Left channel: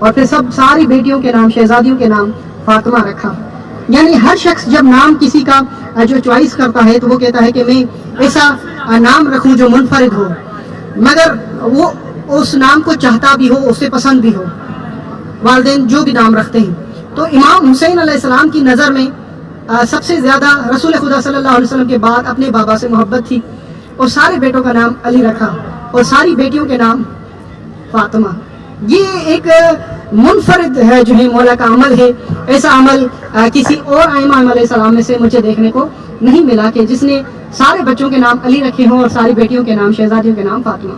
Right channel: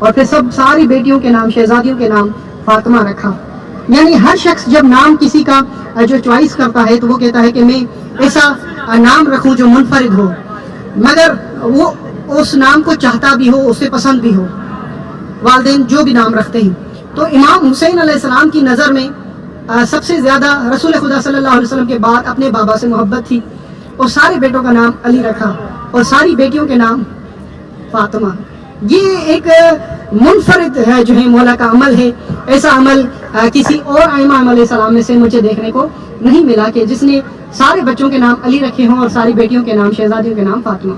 اور پھر ساری بیٹیوں کے نام، شہزادیوں کے نام فاطمہ رکھا. یعنی ہر شخص جب نام کسی کا جو چوائس کرتا ہے تو وہ کہتا ہے کہ میں ایسا نام رکھوں جو منفرد ہو، مگر وہ اس نام کو چاہتا بھی ہو، اسے پسند بھی ہو. والدین جو بھی نام رکھتے ہیں. تو امام حسین علیہ السلام کی نظر میں سب سے زیادہ رسول خدا صلی اللہ علیہ وسلم کے بعد اپنے بابا سے محبت تھی، اور سارے بیٹوں کا نام علی رکھا اور ساری بیٹیوں کے نام فاطمہ. یہ ایک منفرد ہے جو ہے مولا کا عمل ہے. ایسا عمل کسی اور ائمہ علیہ السلام میں سے مجھے دیکھنے کو نہیں ملا کہ جس نے سارے بچوں کے نام علی رکھے ہوں اور ساری بیٹیوں کے نام، شہزادیوں کے نام فاطمہ.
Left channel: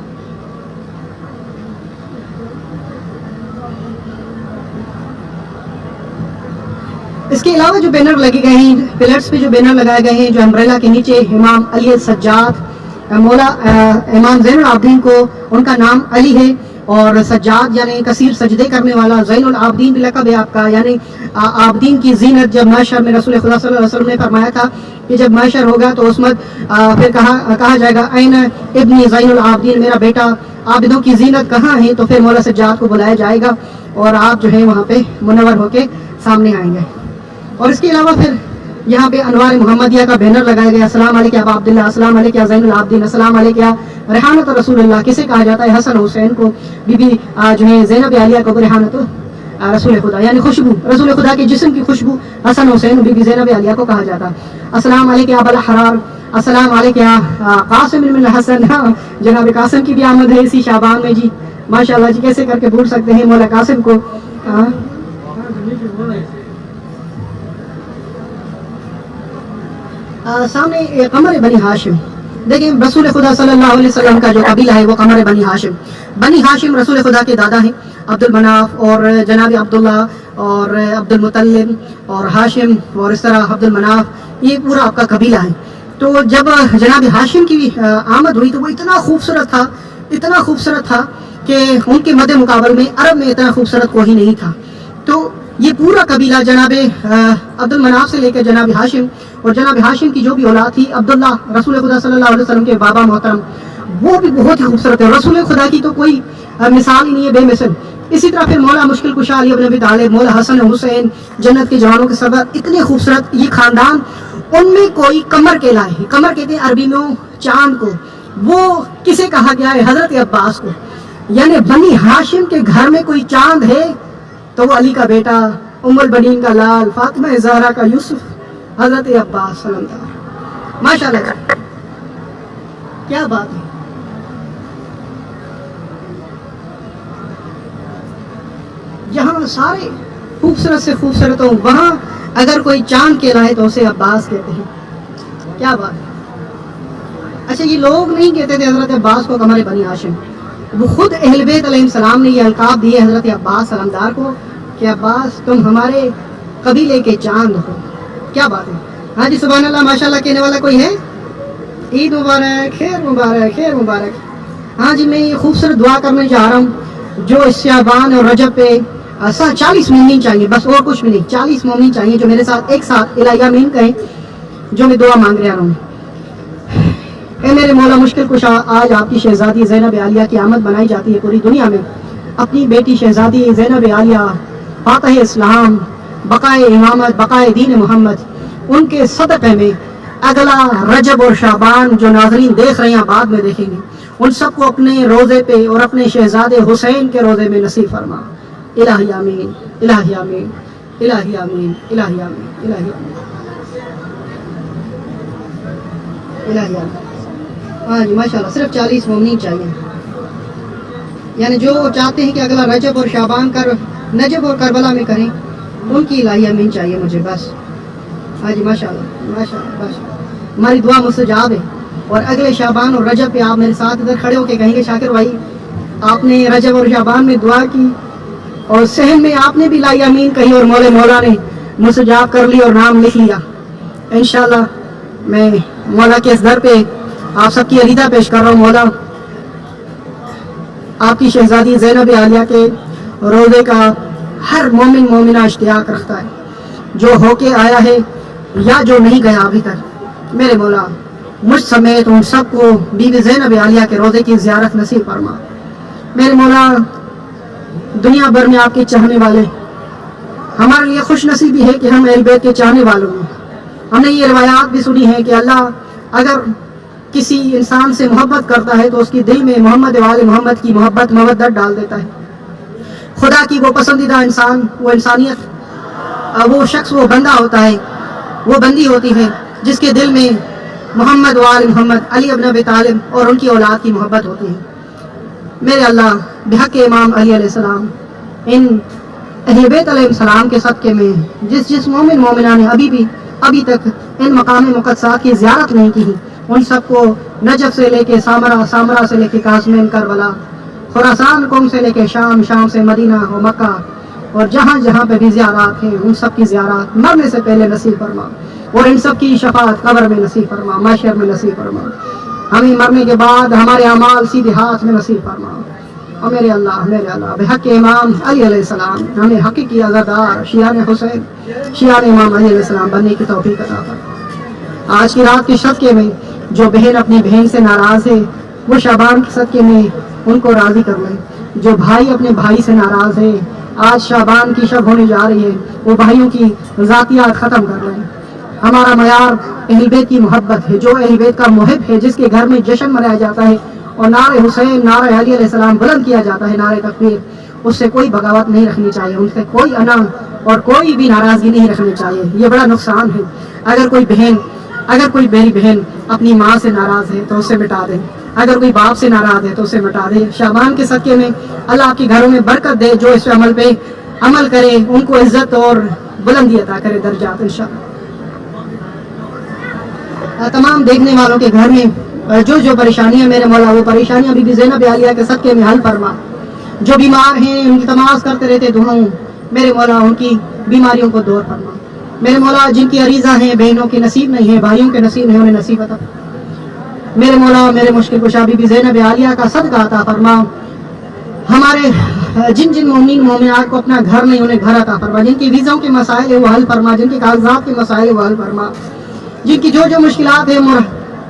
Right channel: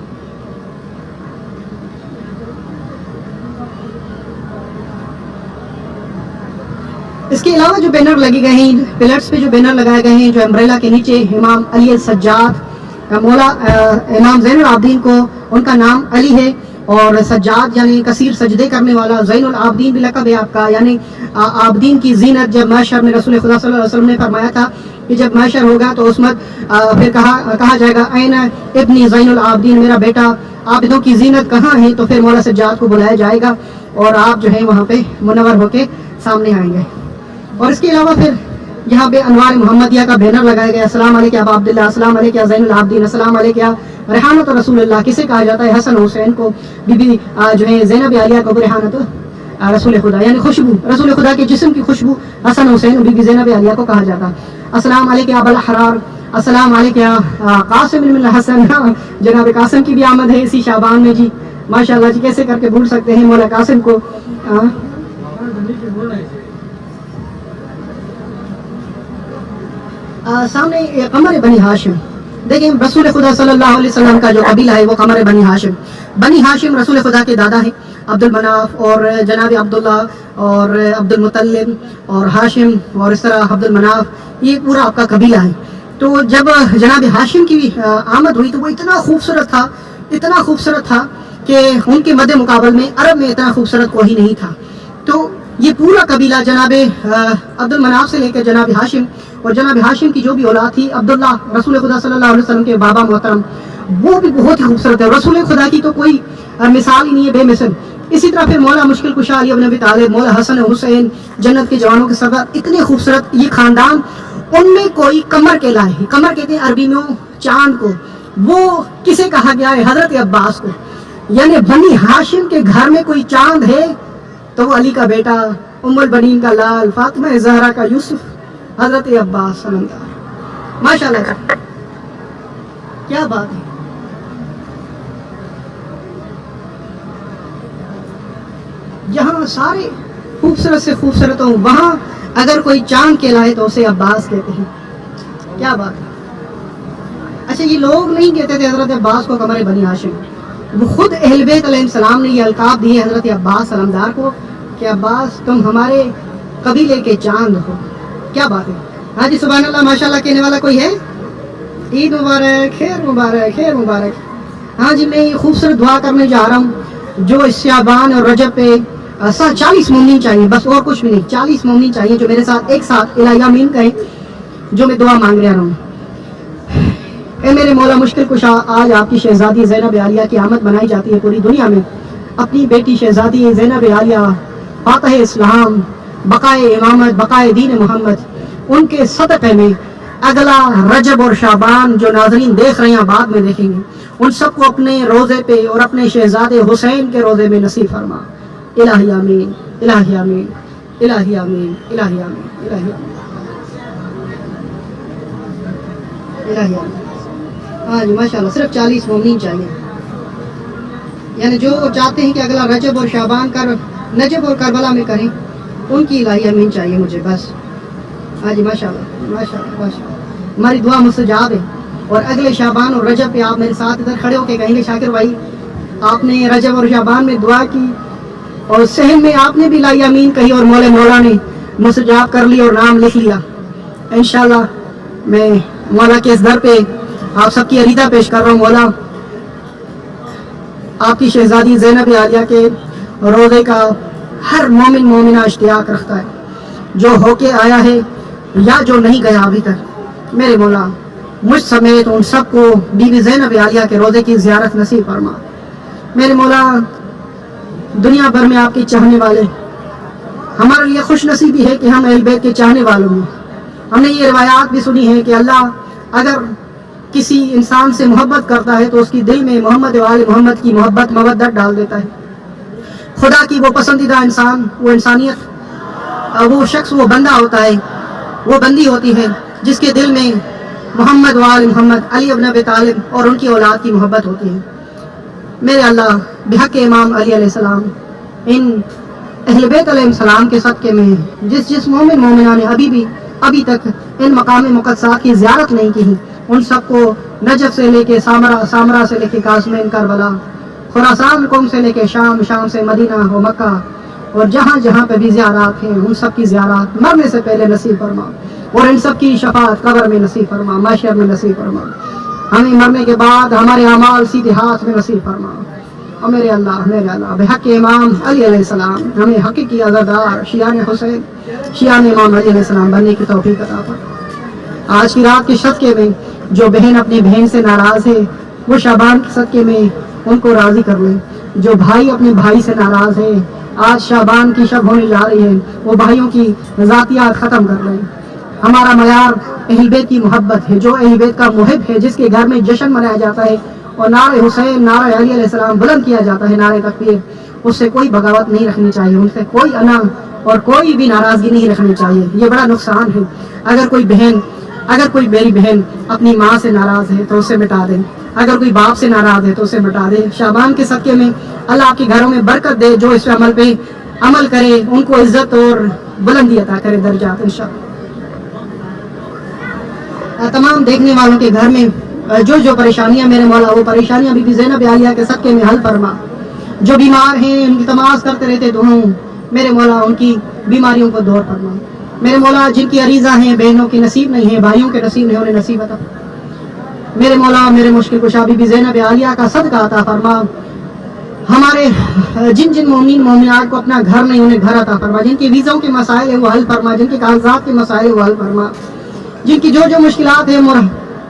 اس کے علاوہ جو بینر لگے گئے ہیں، پلرز پہ جو بینر لگائے گئے ہیں، جو امبریلا کے نیچے امام علی السجاد، مولا امام زین العابدین کو ان کا نام علی ہے، اور سجاد یعنی کثیر سجدے کرنے والا. زین العابدین بھی لقب ہے آپ کا، یعنی عابدین کی زینت. جب محشر میں رسول خدا صلی اللہ علیہ وسلم نے فرمایا تھا کہ جب محشر ہوگا تو اس میں پھر کہا جائے گا این ابنی زین العابدین، میرا بیٹا عابدوں کی زینت کہاں ہے، تو پھر مولا سجاد کو بلایا جائے گا اور آپ جو ہے وہاں پہ منور ہو کے سامنے آئیں گے. اور اس کے علاوہ پھر یہاں پہ انوار محمدیہ کا بینر لگایا گیا. السلام علیکم ابا عبداللہ، السلام علیکم زین العابدین، السلام علیکم ریحانۃ رسول اللہ. کسے کہا جاتا ہے؟ حسن حسین کو، بی بی جو ہے زینب عالیہ کو ریحانۃ رسول خدا، یعنی خوشبو، رسول خدا کے جسم کی خوشبو حسن حسین بی بی زینب عالیہ کو کہا جاتا. السلام علیکم ابا الاحرار، السلام علیکم قاسم بن الحسن. جناب قاسم کی بھی آمد ہے اسی شعبان میں جی، ماشاءاللہ جی. کیسے کر کے بھول سکتے ہیں مولا قاسم کو. سامنے قمر بنی ہاشم دیکھیں. رسول خدا صلی اللہ علیہ وسلم کا جو قبیلہ ہے وہ قمر بنی ہاشم. بنی ہاشم رسول خدا کے دادا ہیں عبد المناف اور جناب عبداللہ اور عبد المطلب اور ہاشم، اور اس طرح عبد المناف، یہ پورا آپ کا قبیلہ ہے. تو جب جناب ہاشم کی آمد ہوئی تو وہ اتنا خوبصورت تھا، اتنا خوبصورت تھا کہ ان کے مد مقابل میں عرب میں اتنا خوبصورت کوئی نہیں تھا. تو یہ پورا قبیلہ جناب عبد المناف سے لے کر جناب ہاشم، اور جناب ہاشم کی جو بھی اولاد تھی عبداللہ رسول خدا صلی اللہ علیہ وسلم کے بابا محترم، وہ بھی بہت ہی خوبصورت ہے. رسول خدا کی تو کوئی مثال ہی نہیں ہے، بے مثل. اسی طرح پھر مولا مشکل کشا علی بن ابی طالب، مولا حسن حسین، جنت کے جوانوں کے سردار، اتنے خوبصورت یہ خاندان. ان میں کوئی قمر کہلائے، قمر کہتے ہیں عربی میں چاند کو. وہ کسے کہا گیا ہے؟ حضرت عباس کو. یعنی بنی ہاشم کے گھر میں کوئی چاند ہے تو وہ علی کا بیٹا، ام البنین کا لال، فاطمہ زہرا کا یوسف، حضرت عباس صلی اللہ علیہ وسلم. ماشاءاللہ جی، کیا بات ہے. جہاں سارے خوبصورت سے خوبصورت ہوں، وہاں اگر کوئی چاند کہلائے تو اسے عباس کہتے ہیں. کیا بات ہے. اچھا، یہ لوگ نہیں کہتے تھے حضرت عباس کو قمر بنی ہاشم، وہ خود اہل بیت علیہ السلام نے یہ القاب دیے حضرت عباس سلمدار کو کہ عباس تم ہمارے قبیلے کے چاند ہو. کیا بات ہے. ہاں جی، سبحان اللہ، ماشاءاللہ کہنے والا کوئی ہے؟ عید مبارک، خیر مبارک، خیر مبارک. ہاں جی، میں یہ خوبصورت دعا کرنے جا رہا ہوں جو اس شعبان اور رجب پہ 40 مومنین چاہیے، بس اور کچھ بھی نہیں. 40 مومنین چاہیے جو میرے ساتھ ایک ساتھ الہی آمین کہیں، جو میں دعا مانگ رہا ہوں. اے میرے مولا مشکل کشا، آج آپ کی شہزادی زینب عالیہ کی آمد منائی جاتی ہے پوری دنیا میں. اپنی بیٹی شہزادی زینب عالیہ فاتح اسلام، بقائے امامت، بقائے دین محمد، ان کے صدقے میں اگلا رجب اور شعبان جو ناظرین دیکھ رہے ہیں بعد میں دیکھیں گے، ان سب کو اپنے روزے پہ اور اپنے شہزادے حسین کے روزے میں نصیب فرما. الہی آمین، الہی آمین، الہی آمین، الہی آمین، الہی آمین، الہی آمین. ہاں جی، ماشاءاللہ صرف 40 مومنین چاہیے. یعنی جو چاہتے ہیں کہ اگلا رجب اور شعبان نجب اور کربلا میں کریں، ان کی الہی امین چاہیے مجھے بس. ہاں جی، ماشاءاللہ ماشاءاللہ ماشاءاللہ، ہماری دعا مستجاب ہے. اور اگلے شعبان اور رجب پہ آپ میرے ساتھ ادھر کھڑے ہو کے کہیں گے شاکر بھائی آپ نے رجب اور شعبان میں دعا کی اور سہن میں آپ نے بھی الہی امین کہی اور مولا نے مستجاب کر لی اور نام لکھ لیا. انشاءاللہ میں مولا کے اس در پہ آپ سب کی عریضہ پیش کر رہا ہوں. مولا آپ کی شہزادی زینب عالیہ کے روزے کا ہر مومن مومنہ اشتیاق رکھتا ہے، جو ہو کے آیا ہے یا جو نہیں گیا ابھی تک. میرے مولا مجھ سمیت ان سب کو بی بی زینب عالیہ کے روزے کی زیارت نصیب فرما. میرے مولا دنیا بھر میں آپ کے چاہنے والے. ہمارے لیے خوش نصیبی ہے کہ ہم اہل بیت کے چاہنے والوں میں. ہم نے یہ روایات بھی سنی ہے کہ اللہ اگر کسی انسان سے محبت کرتا ہے تو اس کے دل میں محمد وال محمد کی محبت مودت ڈال دیتا ہے. خدا کی وہ پسندیدہ انسان، وہ انسانیت، وہ شخص، وہ بندہ ہوتا ہے، وہ بندی ہوتی ہے جس کے دل میں محمد وال محمد، علی ابن ابی طالب اور ان کی اولاد کی محبت ہوتی ہے. میرے اللہ بحق امام علی علیہ السلام ان اہل بیت علیہ السلام کے صدقے میں جس مومن مومنہ نے ابھی تک ان مقام مقدسات کی زیارت نہیں کی، ان سب کو نجف سے لے کے سامرا سے لے کے قاسمین کربلا، خراسان قوم سے لے کے شام سے مدینہ و مکہ اور جہاں جہاں پہ بھی زیارات ہیں ان سب کی زیارات مرنے سے پہلے نصیب فرما، اور ان سب کی شفاعت قبر میں نصیب فرما، محشر میں نصیب فرما. ہمیں مرنے کے بعد ہمارے اعمال سیدھے ہاتھ میں نصیب فرما. اور میرے اللہ بحق امام علی علیہ السلام ہمیں حقیقی عزادار شیعان حسین، شیعان امام علی علیہ السلام بننے کی توفیق عطا فرما. آج کی رات کے صدقے میں جو بہن اپنی بہن سے ناراض ہے وہ شعبان کے صدقے میں ان کو راضی کر لیں. جو بھائی اپنے بھائی سے ناراض ہے، آج شعبان کی شب ہونے جا رہی ہے، وہ بھائیوں کی ذاتیات ختم کر لیں. ہمارا معیار اہل بیت کی محبت ہے. جو اہل بیت کا محب ہے، جس کے گھر میں جشن منایا جاتا ہے اور نعرہ حسین، نعرہ علی علیہ السلام بلند کیا جاتا ہے، نعرہ تکبیر، اس سے کوئی بغاوت نہیں رکھنی چاہیے، ان سے کوئی انا اور کوئی بھی ناراضگی نہیں رکھنی چاہیے. یہ بڑا نقصان ہے. اگر کوئی میری بہن اپنی ماں سے ناراض ہے تو اسے مٹا دیں، اگر کوئی باپ سے ناراض ہے تو اسے مٹا دے. شعبان کے صدقے میں اللہ آپ کے گھروں میں برکت دے. جو اس پہ عمل کرے ان کو عزت اور بلندی عطا کرے درجات انشاءاللہ. تمام دیکھنے والوں کے گھر میں جو پریشانیاں میرے مولا، وہ پریشانیاں بی بی زینب عالیہ کے صدقے میں حل فرما. جو بیمار ہیں ان کی تماس کرتے رہتے دعاؤں، میرے مولا ان کی بیماریوں کو دور فرما. میرے مولا جن کی عریضہ ہیں، بہنوں کی نصیب نہیں ہے، بھائیوں کے نصیب نہیں، انہیں نصیب عطا. میرے مولا میرے مشکل کشا بی بی زینب عالیہ کا صدقہ عطا فرما. ہمارے جن مومنین مومنات کو اپنا گھر نہیں، انہیں گھر عطا فرما. جن کی ویزوں کے مسائل ہے وہ حل فرما، جن کے کاغذات کے مسائل ہے وہ حل فرما. جن کی جو مشکلات ہیں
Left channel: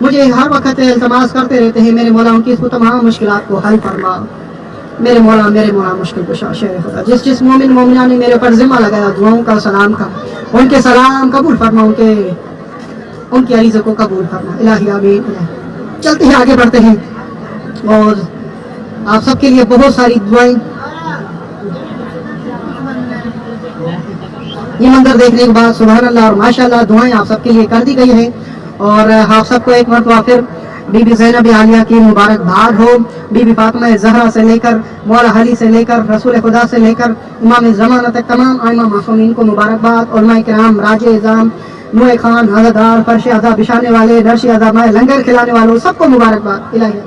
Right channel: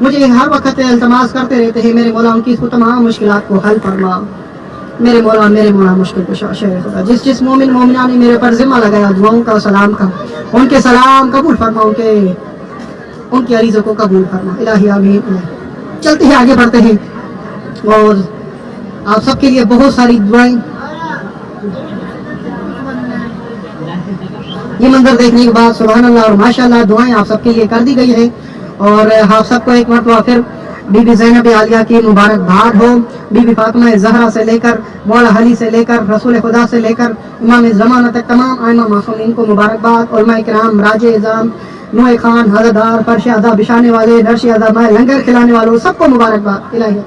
مجھے ہر وقت التماس کرتے رہتے ہیں، میرے مولا ان کی تمام مشکلات کو حل فرما. میرے مولا مشکل کشا شہر خدا، جس مومن مومنہ نے میرے پر ذمہ لگایا دعاؤں کا، سلام کا، ان کے سلام قبول فرما، ان کی عریضوں کو قبول فرما. الہی آمین. چلتے ہیں، آگے بڑھتے ہیں، اور آپ سب کے لیے بہت ساری دعائیں. یہ منظر دیکھنے کے بعد سبحان اللہ اور ماشاءاللہ دعائیں آپ سب کے لیے کر دی گئی ہے. اور آپ سب کو ایک مرتبہ پھر بی بی زینب عالیہ کی مبارکباد ہو. بی بی فاطمہ زہرا سے لے کر مولا علی سے لے کر رسول خدا سے لے کر امام زمانہ تک تمام ائمہ معصومین کو مبارکباد. علماء کرام، راج اعظام، نوح خان، حضردار، فرش ادا بچھانے والے، نرش ادا لنگر کھلانے والوں، سب کو مبارکباد. الہی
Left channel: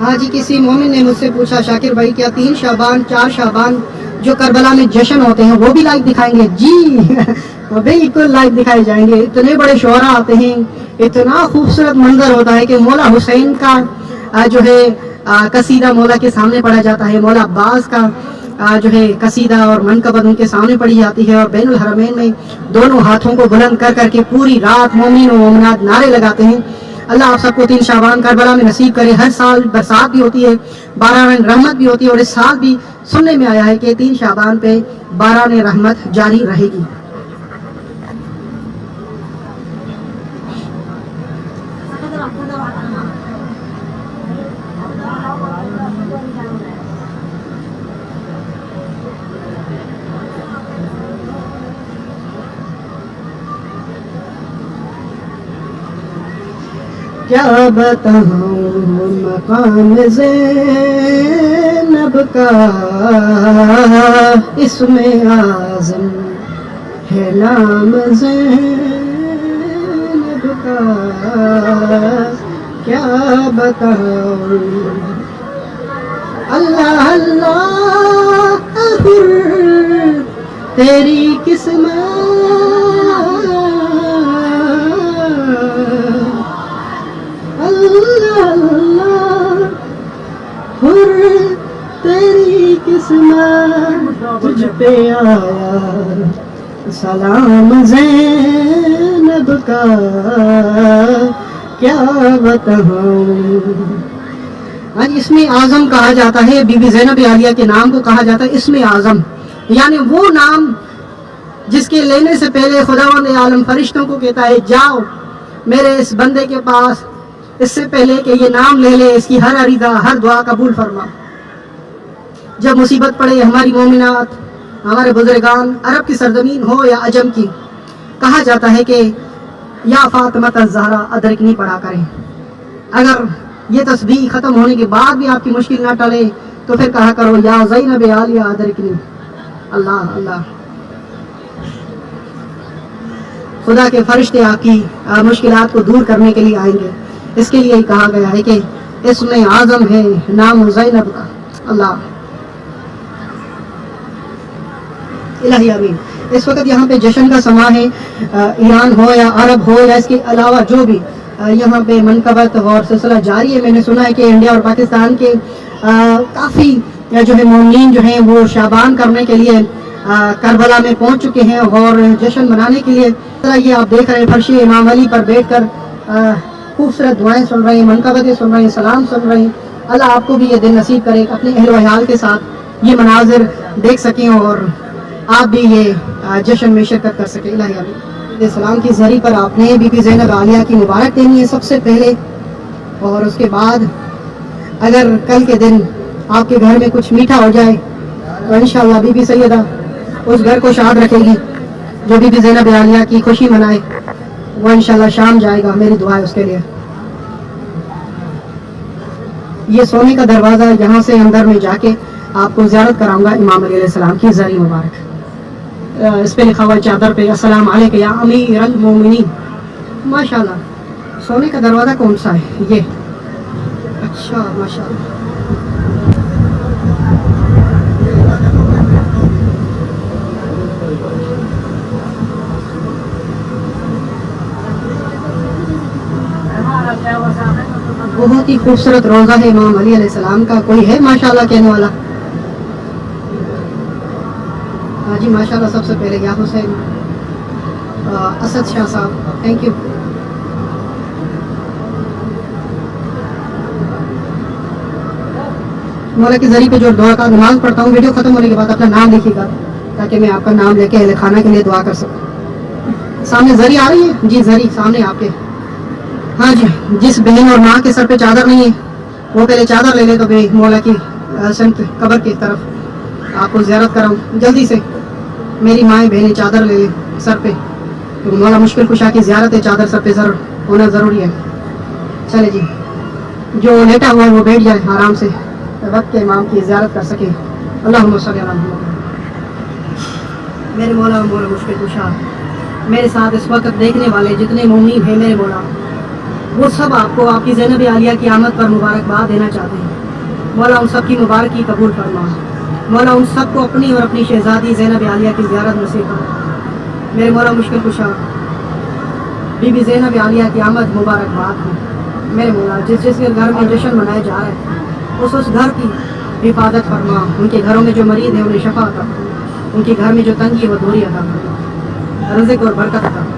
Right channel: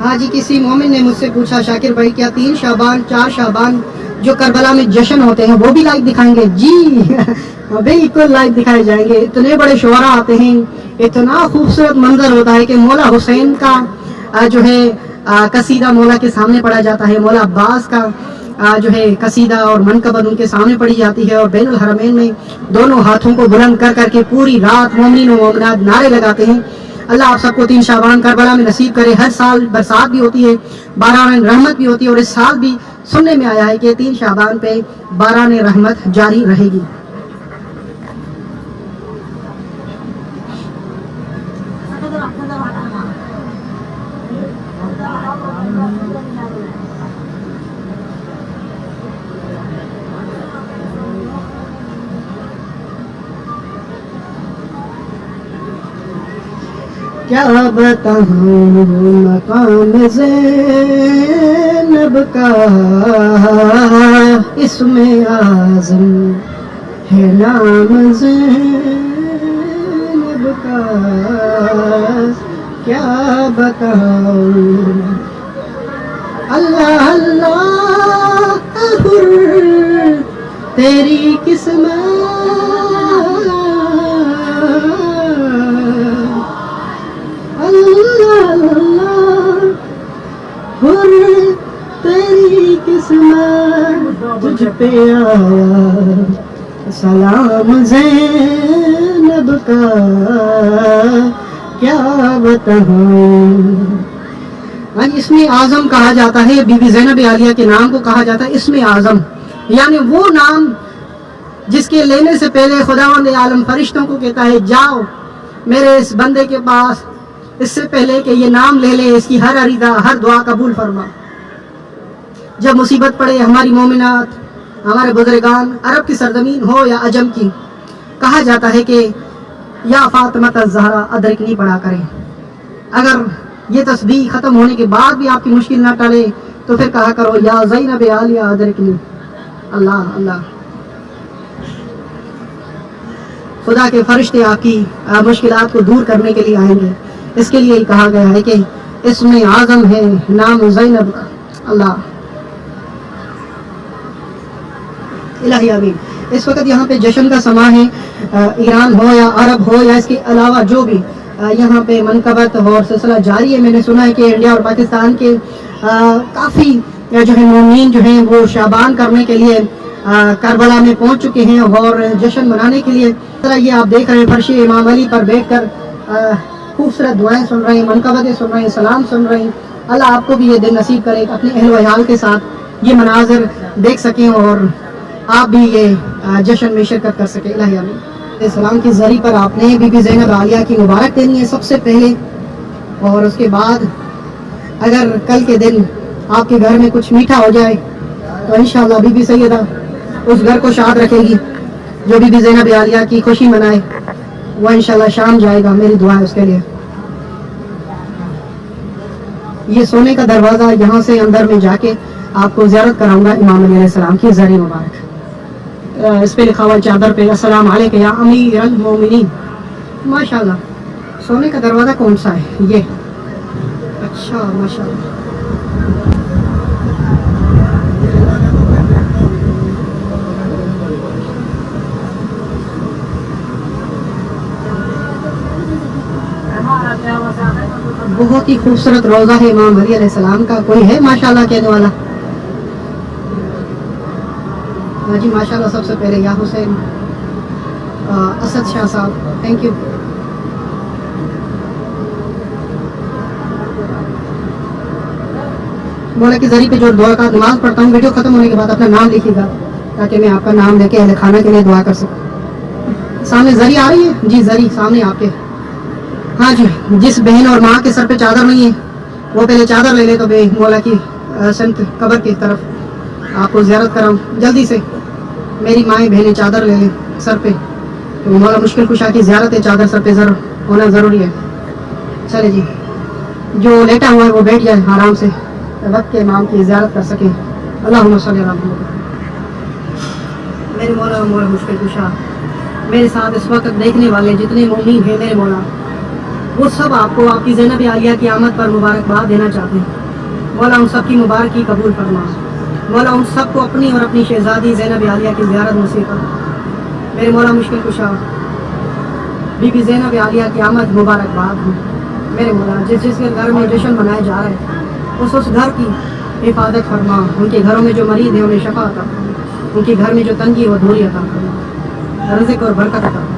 ہاں جی، کسی مومن نے مجھ سے پوچھا شاکر بھائی کیا 3 شعبان 4 شعبان جو کربلا میں جشن ہوتے ہیں وہ بھی لائیو دکھائیں گے؟ جی بالکل لائیو دکھائے جائیں گے. اتنے بڑے شعراء آتے ہیں، اتنا خوبصورت منظر ہوتا ہے کہ مولا حسین کا جو ہے قصیدہ مولا کے سامنے پڑھا جاتا ہے، مولا عباس کا جو ہے قصیدہ اور منقبت ان کے سامنے پڑھی جاتی ہے، اور بین الحرمین میں دونوں ہاتھوں کو بلند کر کر کے پوری رات مومنین و مومنات نعرے لگاتے ہیں. اللہ آپ سب کو 3 شعبان کربلا میں نصیب کرے. ہر سال برسات بھی ہوتی ہے، باران رحمت بھی ہوتی ہے، اور اس سال بھی سننے میں آیا ہے کہ 3 شعبان پہ باران رحمت جاری رہے گی. کیا بتاؤں مقام زینب کا، اس میں اعظم ہے نام زینب کا. کیا بتاؤں اللہ اللہ حر تیری قسمت، تیری قسمت تجھ پہ آیا سلام زینب زینب کا کیا بتاؤں. ہاں جی، اسم اعظم کہا جاتا ہے بی بی زینب عالیہ کے نام کو کہا جاتا ہے اسم اعظم، یعنی وہ نام جس کے لینے سے پہلے خداوند عالم فرشتوں کو کہتا ہے جاؤ میرے اس بندے کے پاس، اس سے پہلے کہ یہ نام لے لے اس کی ہر عریضہ ہر دعا قبول فرما. جب مصیبت پڑے ہماری مومنات، ہمارے بزرگان، عرب کی سرزمین ہو یا عجم کی، کہا جاتا ہے کہ یا فاطمہ الزہرا ادرکنی پڑھا کریں. اگر یہ تسبیح ختم ہونے کے بعد بھی آپ کی مشکل نہ ٹلے تو پھر کہا کرو یا زینب عالیہ ادرکنی. اللہ اللہ، خدا کے فرشتے آپ کی مشکلات کو دور کرنے کے لیے آئیں گے. اس کے لیے ہی کہا گیا ہے کہ اسم اعظم ہے نام زینب کا. اللہ الہی آمین. اس وقت یہاں پہ جشن کا سما ہے، ایران ہو یا عرب ہو یا اس کے علاوہ جو بھی یہاں پہ منقبت اور سلسلہ جاری ہے. میں نے سنا ہے کہ انڈیا اور پاکستان کے کافی جو ہے مومنین جو ہیں وہ شعبان کرنے کے لیے کربلا میں پہنچ چکے ہیں اور جشن منانے کے لیے. یہ آپ دیکھ رہے ہیں فرش امام علی پر بیٹھ کر خوبصورت دعائیں سن رہے ہیں، منقبتیں سن رہے ہیں، سلام سن رہے ہیں. اللہ آپ کو بھی یہ دن نصیب کرے اپنے اہل و عیال کے ساتھ یہ مناظر دیکھ سکیں اور آپ بھی یہ جشن میں شرکت کر سکیں. الہی آمین. سلام کی ذریعے پر آپ نے بی بی زینب عالیہ کی مبارک دینی ہے سب سے پہلے، اور اس کے بعد اگر کل کے دن آپ کے گھر میں کچھ میٹھا ہو جائے تو انشاءاللہ بی بی سیدہ اس گھر کو شاد رکھے گی. جو بی بی زینب عالیہ کی خوشی منائے وہ انشاءاللہ شام جائے گا. میری دعا ہے اس کے لیے. یہ سونے کا دروازہ، یہاں سے اندر میں جا کے آپ کو زیارت کراؤں گا امام علی علیہ السلام کی زری مبارک. اس پہ لکھا ہوا ہے چادر پہ السلام علیک یا امیر المومنین. ماشاءاللہ سونے کا دروازہ کون سا ہے یہ؟ اچھا ماشاءاللہ. بہت ہی خوبصورت روزہ ہے امام علی علیہ السلام کا. کوئی ہے ماشاءاللہ کہنے والا؟ ہاں جی ماشاءاللہ. سب سے پہلے یا حسین اسد شاہ صاحب، تھینک یو. مولا کی ذریعے پہ جو دعا کا نماز پڑھتا ہوں ویڈیو ختم ہونے کے بعد اپنا نام لکھیے گا تاکہ میں آپ کا نام لے کے اہل خانہ کے لیے دعا کر سکوں. سامنے زری آ رہی ہے جی، زری سامنے آپ کے. ہاں جی، جس بہن اور ماں کے سر پہ چادر نہیں ہے وہ پہلے چادر لے لے تو بے مولا کی سمت قبر کی طرف آپ کو زیارت کراؤں. جلدی سے میری مائیں بہنیں چادر لے لیں سر پہ، تو مولا مشکل کشا کی زیارت ہے، چادر سر پہ ہونا ضروری ہے. چلے جی، جو لیٹا ہوا ہے وہ بیٹھ جائے آرام سے، وقت کے امام کی زیارت کر سکیں. اللہم صلی علی محمد. میرے مولا مولا مشکل کشا، میرے ساتھ اس وقت دیکھنے والے جتنے مومنین ہیں میرے مولا، وہ سب آپ کو آپ کی زینب عالیہ کی آمد پر مبارکباد دینا چاہتے ہیں. مولا ان سب کی مبارکی قبول فرما. مولا ان سب کو اپنی اور اپنی شہزادی زینب عالیہ کی زیارت نصیب فرما. میرے مولا مشکل کشا، بی بی زینب عالیہ کی آمد مبارکباد ہو. میرے مولا جس گھر میں جشن منایا جا رہا ہے اس گھر کی حفاظت فرما. ان کے گھروں میں جو مریض ہیں انہیں شفا عطا فرما. ان کے گھر میں جو تنگی ہے وہ دوری عطا فرما. رزق اور برکت عطا فرما.